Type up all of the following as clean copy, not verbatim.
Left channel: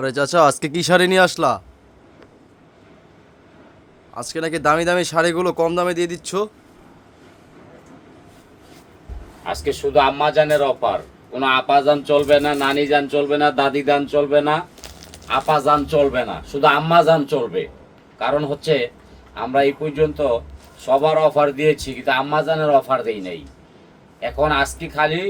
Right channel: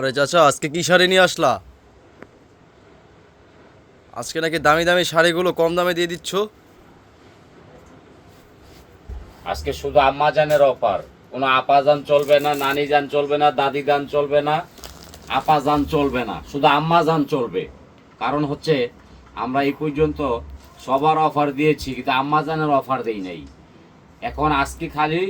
আরে চাচা, আজকে কি শাড়ি নিয়ে আসলা? আজকে নাকি দামি দামি শাড়িগুলো কম দামে দিয়ে দিচ্ছ। আজকে শুধু আম্মা জানের অফার। কোনো আপা জান চলবে না, নানি জান চলবে না, দাদি জান চলবে না, আপা জান চলবে না, শুধু আম্মা জান চলবে। কারণ হচ্ছে আমরা এই পর্যন্ত সবার অফার দিয়েছি, কিন্তু আম্মা জানের অফার দেই নাই। এখন আজকে খালি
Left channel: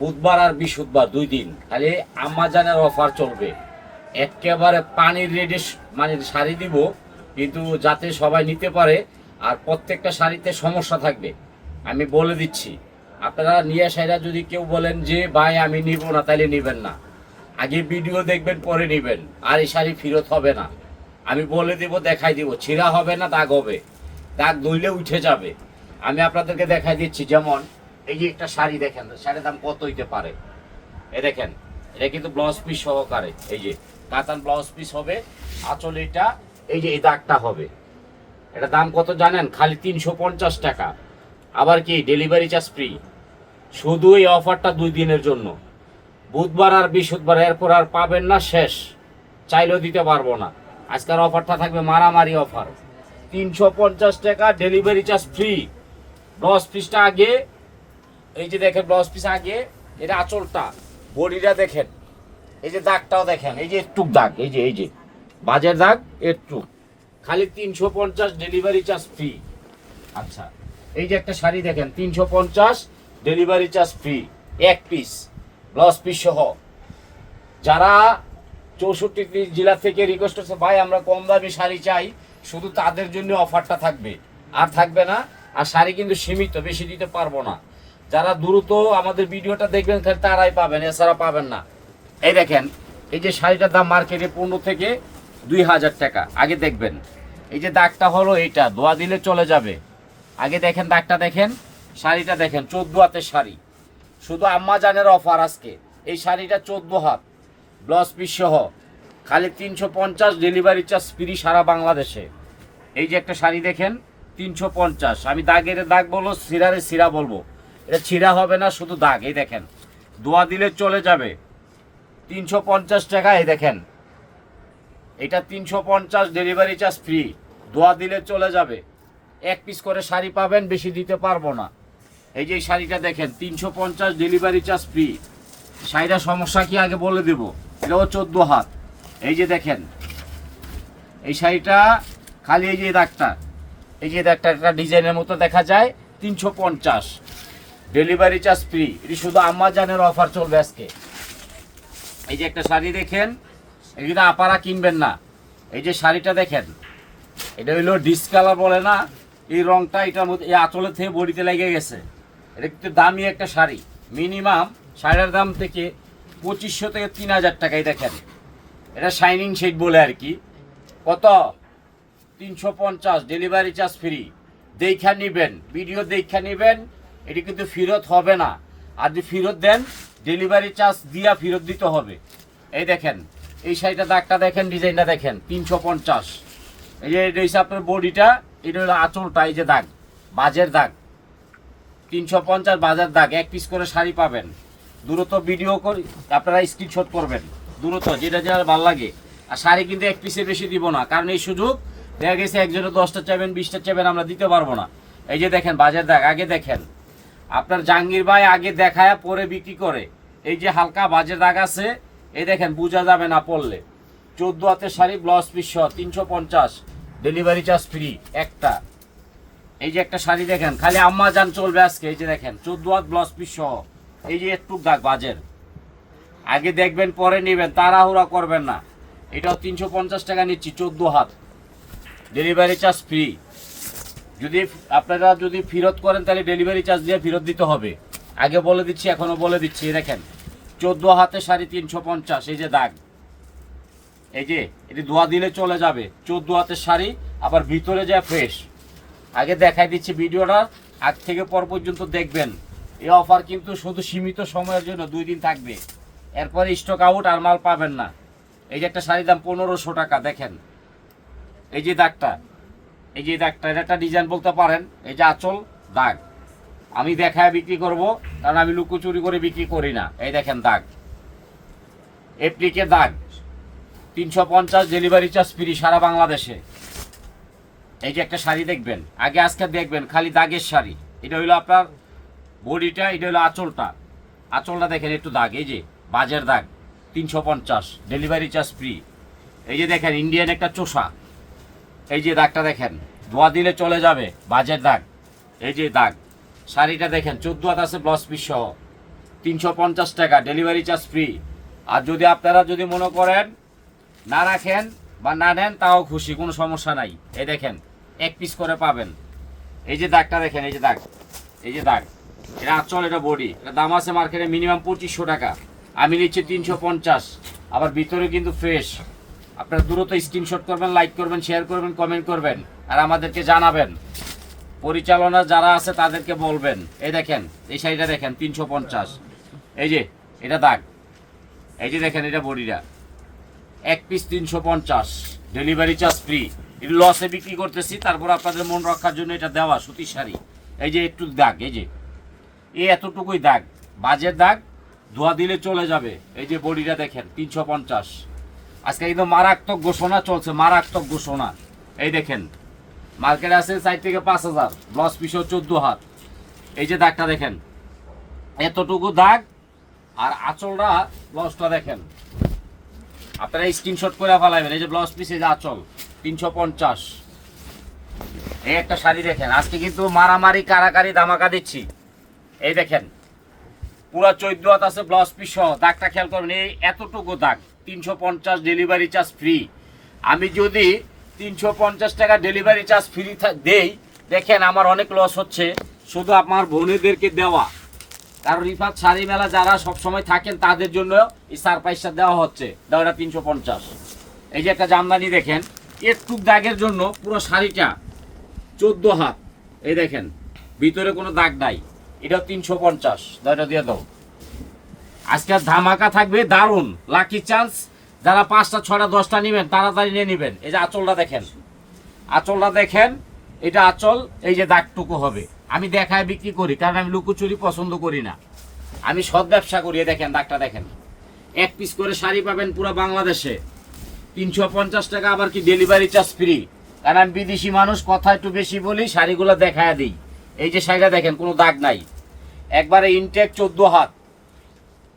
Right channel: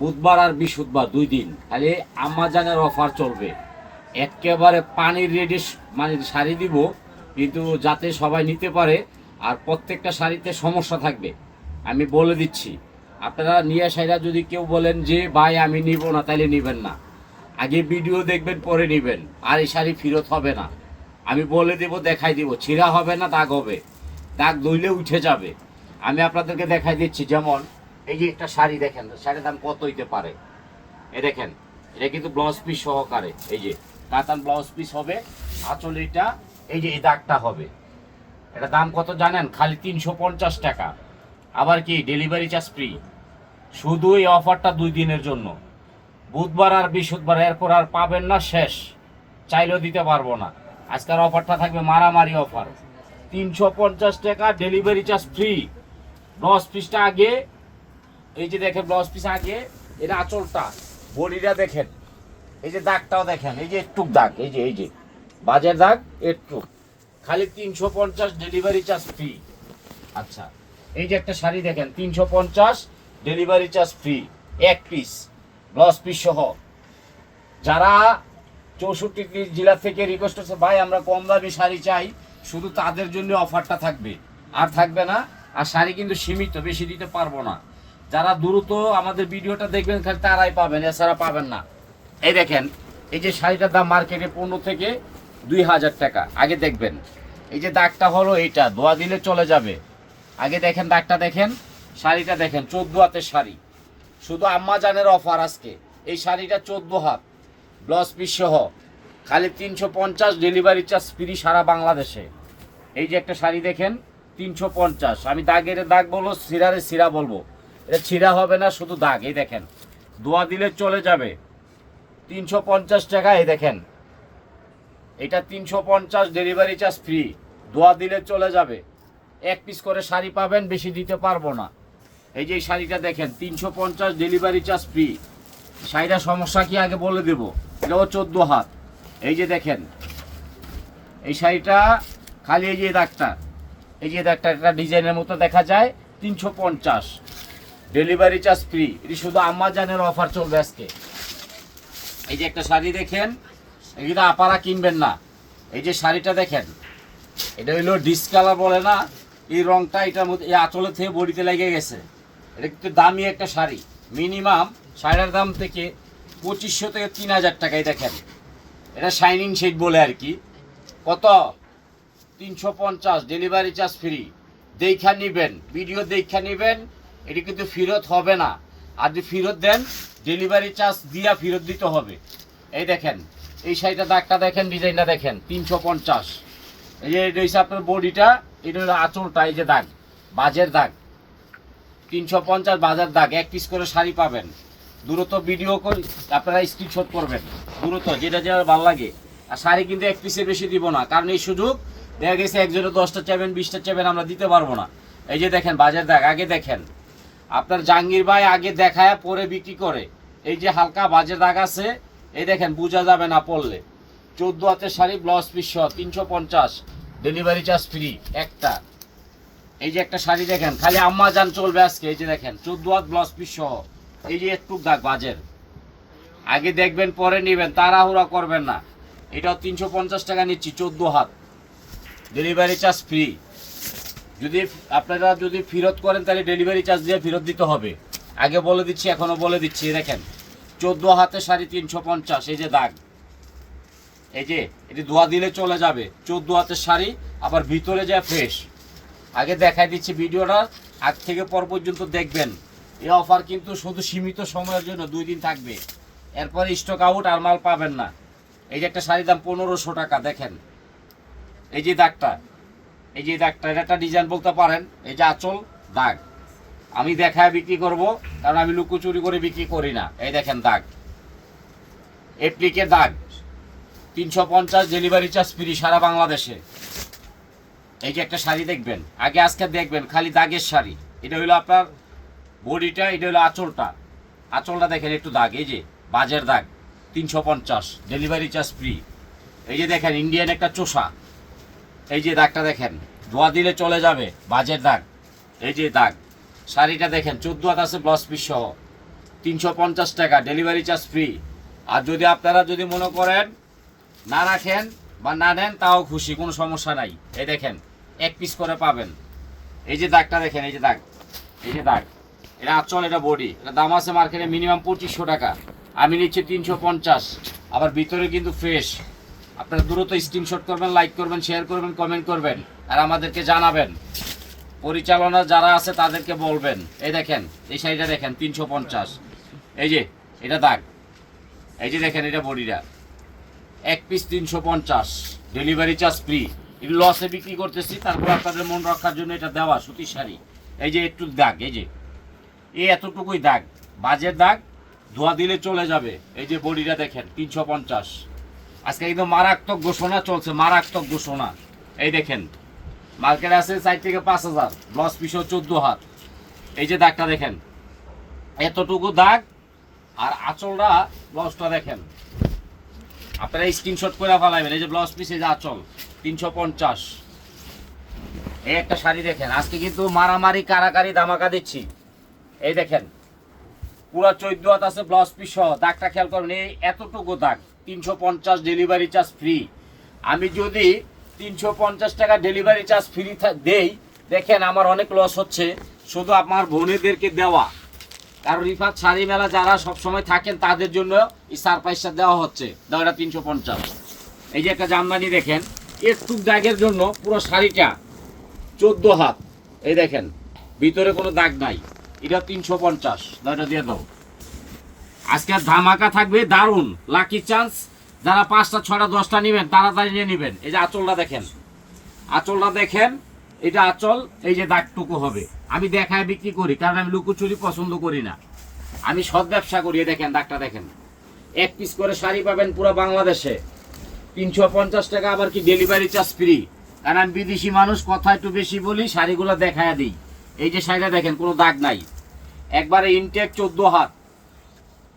বুধবার আর বৃহস্পতিবার 2 দিন খালি আম্মা জানের অফার চলবে। একেবারে পানির রেডি মানে শাড়ি দিব, কিন্তু যাতে সবাই নিতে পারে। আর প্রত্যেকটা শাড়িতে সমস্যা থাকবে, আমি বলে দিচ্ছি। আপনারা নিয়ে আসাইরা যদি কেউ বলেন যে ভাই আমি নিব না, তাইলে নেবেন না। আগে ভিডিও দেখবেন, পরে নেবেন। আর এই শাড়ি ফেরত হবে না, আমি বলে দেব, দেখাই দিব। ছিঁড়া হবে না, দাগ হবে, দাগ ধুইলে উঠে যাবে। আমি আপনাদেরকে দেখাই দিচ্ছি। যেমন এই যে একটা শাড়ি দেখেন, শাড়ির দাম কত হইতে পারে। এ দেখেন, এটা কিন্তু ব্লাউজ পিস সহকারে, এই যে কাতান ব্লাউজ পিস হবে। আঁচল এটা, এই যে এই দাগটা হবে। এটা দাম কত জানেন? খালি 350 টাকা। আবার কি ডেলিভারি চার্জ ফ্রি। শুধু এই অফারটা 2 দিনের জন্য, বুধবার আর বৃহস্পতিবার। এরপর আর পাবেন না, শেষ। চাইলেও দিতে পারবো না। আজকের অফারটা থাকবে মারামারি অফার। 350 টাকা, ডেলিভারি চার্জ ফ্রি। ব্লাউজ পিসটা আগে, এই যে দেখেন ব্লাউজ পিস আগে, এটা আঁচলটা, বডিটা দেখেন, এই যে দাগটাও দেখেন, এই যে একটু দাগ, এই যে বাজের দাগ একটু। খালি 350, ডেলিভারি চার্জ ফ্রি। আচ্ছা, এই যে একটা শাড়ি দেখেন, 350, ডেলিভারি চার্জ ফ্রি। এক পিস, ব্লাউজ পিস সহ। যারা 64 জেলা থেকে রিকোয়েস্ট করছে ভাই আমরা কম দামি শাড়ি চাই, শুধু তাদের জন্য অফারটা থাকবে, আর থাকবে না। আর শাড়ি কিন্তু সীমিত, বেশি দিতে পারবো না। যারা দ্রুত আমাদের ভিডিওটা দেখবেন খালি তারাই পাবেন, এছাড়া পাবেন না। এই দেখেন, এই যে শাড়িটার দাম মার্কেটে 15 থেকে 2000 টাকা। আগে দেখবেন, এই যে দাগটা হলো এইটা, ধোয়া দিলে চলে যাবে। আগে দেখেন দাগটা, দেখেন শাড়িটা দেখেন, 14 হাতের শাড়ি। শুধু আম্মা জানের অফার আজকে। এই শাড়িটা 14 হাত, ব্লাউজ পিস সহ, খালি 350, ডেলিভারি চার্জ ফ্রি সারা বাংলাদেশে। এই যে একটা শাড়ি দেখেন, 350। আমি দাগের দাগ বলবো, সিরারে সিরা বলবো। এটা ছিঁড়া হবে না, শুধু দাগ। এই দেখেন, ধোয়া দিলে চলে যাবে। 350 টাকা। এই দেখেন, এটা 350, ডেলিভারি চার্জ ফ্রি। ধোয়া দিলে চলে যাবে। এক পিস করে শাড়ি পাবেন, বেশি দিতে পারবো না। এই যে এই শাড়িটা দেখেন, 350, ডেলিভারি চার্জ ফ্রি। শাড়িটার সমস্যা কি আগে বলে দেব। এটাও 14 হাত। এই যে দেখেন, এই শাড়িটা খালি এই যে দাগটা, এই যে দাগটা একটা ডিজাইনের মতো দেখা যায়। 350, ডেলিভারি চার্জ ফ্রি। এটি শুধু আম্মা জানের অফার চলবে আজকে। এই যে একটা শাড়ি দেখেন, এটা আপারা কিনবেন না। এই যে শাড়িটা দেখেন, এটা হইলো ডিসকালার বলে না, এই রংটা এটার মধ্যে, এই আঁচলের থেকে বডিতে লেগে গেছে। এটা কিন্তু দামি একটা শাড়ি। মিনিমাম শাড়ির দাম থেকে 2500 থেকে 3000 টাকায়। দেখেন, এটা শাইনিং শেড বলে আর কি। কত? 350, ডেলিভারি চার্জ ফ্রি। দেখা নিবেন, ভিডিও দেখা নিবেন। এটি কিন্তু ফেরত হবে না। আর যদি ফেরত দেন, ডেলিভারি চার্জ দিয়া ফেরত দিতে হবে। এই দেখেন, এই শাড়িটা দাগটা দেখেন, ডিজাইনটা দেখেন, 350। এই যে এটা হচ্ছে আপনার বডিটা, এটা হলো আঁচলটা, এই যে দাগ, বাজের দাগ। 350 বাজার দাগ। এক পিস করে শাড়ি পাবেন। দ্রুত ভিডিও করে আপনারা স্ক্রিনশট করবেন, দ্রুত, যেটা যেটা ভালো লাগে। আর শাড়ি কিন্তু এক পিসের বেশি দিব না, কারণ এই সুযোগ দেখা গেছে একজনে 10টা চাইবেন, 20টা চাইবেন, আমরা দিতে পারবো না। এই যে দেখেন বাজার দাগ। আগে দেখেন, আপনার জাহাঙ্গীর ভাই আগে দেখায় পরে বিক্রি করে। এই যে হালকা বাজের দাগ আছে, এই দেখেন, বোঝা যাবে না পড়লে। 14 হাতের শাড়ি, ব্লাউজ পিস সহ, 350, ডেলিভারি চার্জ ফ্রি একটা। এই যে একটা শাড়ি দেখেন, খালি আম্মা জান চলবে আজকে। এই যে দেখেন, 14 হাত, ব্লাউজ পিস সহ। এই যে একটু দাগ বাজের। আগে দেখবেন, পরে নেবেন, তাড়াহুড়া করবেন না। এটাও 350 টাকা নিচ্ছি, 14 হাত, ডেলিভারি চার্জ ফ্রি। যদি আপনারা যদি ফেরত করেন, তাহলে ডেলিভারি চার্জ দিয়ে ফেরত দিতে হবে। আগে বলে দিচ্ছি, এখনো বলে দিচ্ছি। দেখেন, 14 হাতের শাড়ি, 350। এই যে দাগ, এই যে এটি ধোয়া দিলে চলে যাবে। 14 হাতের শাড়ি, আবার ভিতরে যায় ফ্রেশ। আগে দেখাই দিচ্ছি, ভিডিওটা আগ থেকে পর পর্যন্ত দেখবেন। এই অফার কিন্তু শুধু সীমিত সময়ের জন্য, 2 দিন থাকবে। এরপরে স্টক আউট, আর মাল পাবেন না। এই যে একটা শাড়ির দাম 1500 টাকা। দেখেন, এই যে দাগটা, এই যে দাগটা, এটা একটা ডিজাইন বলতে পারেন। এই যে আঁচল দাগ, আমি দেখায় বিক্রি করব, কারণ আমি লুকোচুরি করে বিক্রি করি না। এই দেখেন দাগ, এপ্লিকে দাগ 350 ডেলিভারি চার্জ ফ্রি সারা বাংলাদেশে। এই যে একটা শাড়ি দেখবেন, আগে আজকে দেখবেন খালি দাগের শাড়ি। এটা হলো আপনার বডিটা, এটা হলো আঁচলটা। আঁচলটা দেখেন একটু দাগ, এই যে বাজের দাগ 350 ডেলিভারি চার্জ ফ্রি। এই যে দেখেন ইন্ডিয়ান একটা চোষা, এই যে দাগটা দেখেন, ধোয়া দিলে চলে যাবে, বাজের দাগ। এই যে দাগ, শাড়িটা দেখেন 14 হাত আছে ব্লাউজ পিস সহ, 350 টাকা ডেলিভারি চার্জ ফ্রি। আর যদি আপনারা যদি মনে করেন না রাখেন বা না নেন তাও খুশি, কোনো সমস্যা নাই। এই দেখেন এক পিস করে পাবেন। এই যে দাগটা দেখেন, এই যে দাগ, এই যে দাগ, এটা আঁচল, এটা বডি। এটা দাম আছে মার্কেটে মিনিমাম 2500 টাকা, আমি নিচ্ছি 350। আবার ভিতরে কিন্তু ফ্রেশ। আপনারা দ্রুত স্ক্রিনশট করবেন, লাইক করবেন, শেয়ার করবেন, কমেন্ট করবেন, আর আমাদেরকে জানাবেন। পরিচালনা যারা আছে তাদেরকে বলবেন। এই দেখেন এই শাড়িটা দেখেন 350, এই যে এটা দাগ, এই যে দেখেন এটা বডিটা, এক পিস 350 ডেলিভারি চার্জ ফ্রি। এটা লসে বিক্রি করতেছি, তারপর আপনাদের মন রক্ষার জন্য এটা দেওয়া সুতির শাড়ি। এই যে একটু দাগ, এই যে এই এতটুকুই দাগ, বাজের দাগ, ধোয়া দিলে চলে যাবে। এই যে বডিটা দেখেন 350। আজকে কিন্তু মারাত্মক ঘোষণা চলছে, মারাত্মক ঘোষণা। এই দেখেন মার্কেটে আছে 4 থেকে 5000, ব্লাউজ পিসও 14 হাত। এই যে দাগটা দেখেন, এতটুকু দাগ, আর আঁচলটা ব্লাউজটা দেখেন, আপনারা স্ক্রিনশট করে ফেলাবেন। এই যে ব্লাউজ পিস, এই যে আঁচল 350। এই একটা শাড়ি দেখেন, আজকে কিন্তু মারামারি কারাকারি ধামাকা দিচ্ছি। এই দেখেন পুরো 14 হাত আছে ব্লাউজ পিস সহ, দাগটা খেয়াল করবেন, এই এতটুকু দাগ 350 ডেলিভারি চার্জ ফ্রি। আমি যদি 350 টাকা ডেলিভারি চার্জ ফ্রি দেই, দেখেন আমার অনেক লস হচ্ছে, শুধু আমার বোনেদেরকে দেওয়া। কারণ রিফাত শাড়ি মেলা যারা সবসময় থাকেন তাদের জন্য এই সারপ্রাইজটা দেওয়া হচ্ছে, দেওয়াটা 350। এই যে একটা জামদানি দেখেন, একটু দাগের জন্য পুরো শাড়িটা 14 হাত, এই দেখেন ভিতরে কোনো দাগ নাই, এটা 350, দয়টা দিয়ে দাও। আজকে ধামাকা থাকবে দারুণ, লাকি চান্স। যারা 5টা 6টা 10টা নেবেন তাড়াতাড়ি নিয়ে নেবেন। এই যে আঁচলটা দেখেন, আঁচলটা দেখেন, এটা আঁচল, এই যে দাগটুকু হবে। আমি দেখায় বিক্রি করি, কারণ আমি লুকোচুরি পছন্দ করি না, আমি সৎ ব্যবসা করি। দেখেন দাগটা দেখেন, এক পিস করে শাড়ি পাবেন পুরো বাংলাদেশে 350 টাকা, আবার কি ডেলিভারি চার্জ ফ্রি। কারণ আমি বিদেশি মানুষ, কথা একটু বেশি বলি, শাড়িগুলো দেখায় দিই। এই যে শাড়িটা দেখেন, কোনো দাগ নাই, একবারে ইনটেক 14 হাত,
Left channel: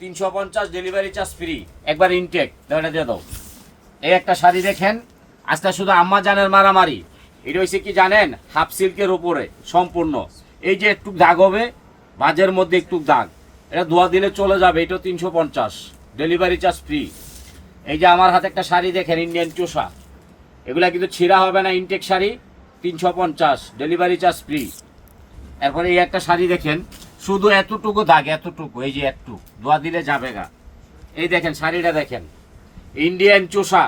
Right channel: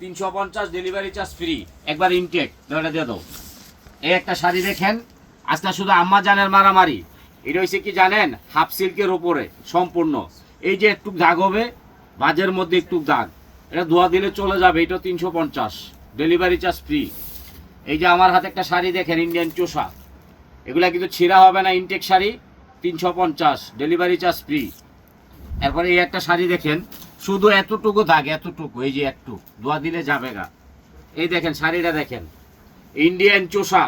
350 ডেলিভারি চার্জ ফ্রি, একবার ইনটেক, দাওটা দিয়ে দাও। এই একটা শাড়ি দেখেন, আজকে শুধু আম্মা জানের মারামারি। এটা হচ্ছে কি জানেন, হাফ সিল্কের উপরে সম্পূর্ণ। এই যে একটু দাগ হবে, বাজের মধ্যে একটু দাগ, এটা ধোয়া দিলে চলে যাবে, এটা 350 ডেলিভারি চার্জ ফ্রি। এই যে আমার হাতে একটা শাড়ি দেখেন, ইন্ডিয়ান চোষা, এগুলা কিন্তু ছিঁড়া হবে না, intact sari, 350 delivery charge free. এরপরে এই একটা শাড়ি দেখেন, শুধু এতটুকু দাগ, এতটুকু, এই যে একটু ধোয়া দিলে যাবে গা। এই দেখেন শাড়িটা দেখেন, ইন্ডিয়ান চোষা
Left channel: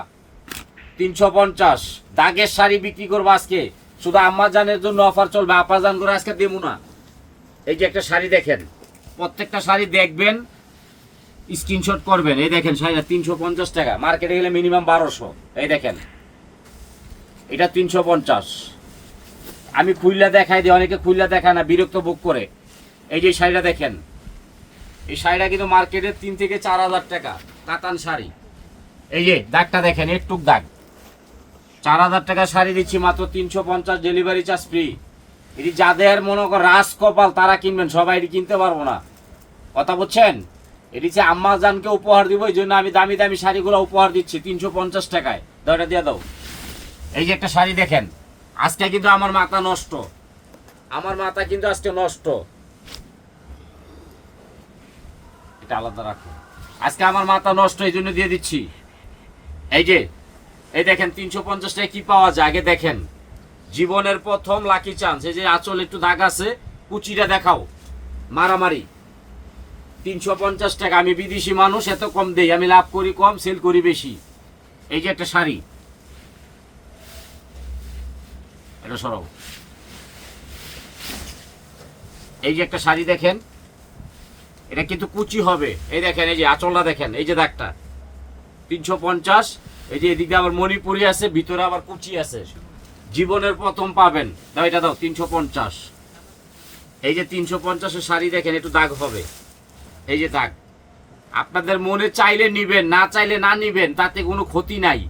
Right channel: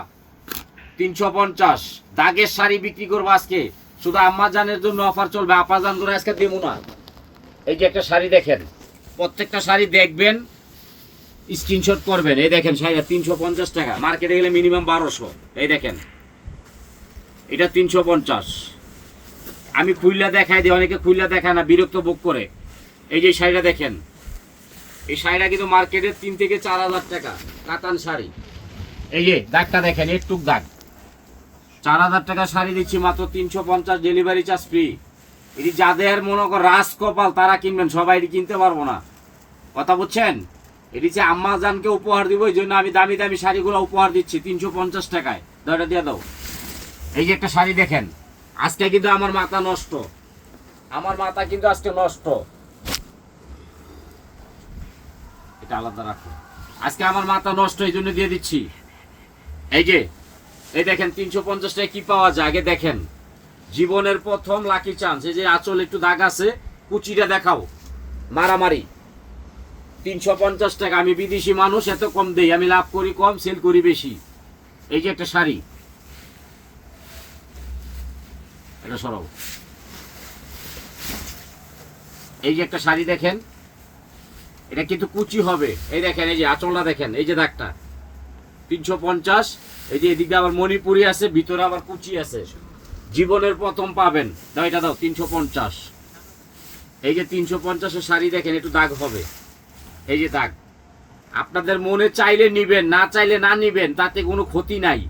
350, দাগের শাড়ি বিক্রি করবো আজকে, শুধু আম্মা জানের জন্য অফার চলবে, আপা জান করে আজকে দেবো না। এই যে একটা শাড়ি দেখেন, প্রত্যেকটা শাড়ি দেখবেন, স্ক্রিনশট করবেন। এই দেখেন শাড়িটা 350 টাকা, মার্কেটে গেলে মিনিমাম 1200। এই দেখেন এটা 350। আমি খুইলা দেখাই দিই, অনেকে খুইলা দেখায় না, বিরক্ত বুক করে। এই যে শাড়িটা দেখেন, এই শাড়িটা কিন্তু মার্কেটে 3 থেকে 4000 টাকা, কাতান শাড়ি। এই যে দাগটা দেখেন, একটু দাগ, 4000 টাকা শাড়ি দিচ্ছি মাত্র 350 ডেলিভারি চার্জ ফ্রি। এটি যাদের মনে কর রাস কপাল তারা কিনবেন, সবাই এটি কিনতে পারবো না, কথা বুঝছেন। এটি যে আম্মা জানকে উপহার দিব, এই জন্য আমি দামি দামি শাড়িগুলো উপহার দিচ্ছি 350 টাকায়, দয়টা দিয়ে দাও। এই যে একটা শাড়ি দেখেন, আজকে কিন্তু আমার মাথা নষ্ট, আমার মাথা কিন্তু আজকে নষ্ট, এটা আলাদা রাখো। আজকে আমার মাথা নষ্ট, এই জন্য দিয়ে দিচ্ছি। এই যে এই দেখেন 350 টাকায় কি পাওয়া যায়, আগে দেখেন, জীবনের প্রথম লাকি চান্স। এই যে আঁচল একটু দাগ আছে, কুচিটা দেখাও, মারামারি 350 টাকা। আমি বিদেশি মানুষ, এত কম দেই, আমি লাভ করি কম, সেল করি বেশি। এই যে একটা শাড়ি, এটা সরাও। এই যে একটা শাড়ি দেখেন, এটা কিন্তু কুচি হবে। এই দেখেন, এই যে আঁচলটা দেখেন, এই যে দাগটা 350। এই যে এদিকে আবার মণিপুরি আছে, ভিতরে আবার কুচি আছে, জীবনের প্রথম পাবেন। দাও এটা দাও, 350। এই যে 350 শাড়ি দেখেন, একটু দাগ হবে, এই যে দাগ, আপনাদের মনে চাইলে নিবেন, না চাইলে না নিবেন, তাতে কোনো ক্ষতি নাই।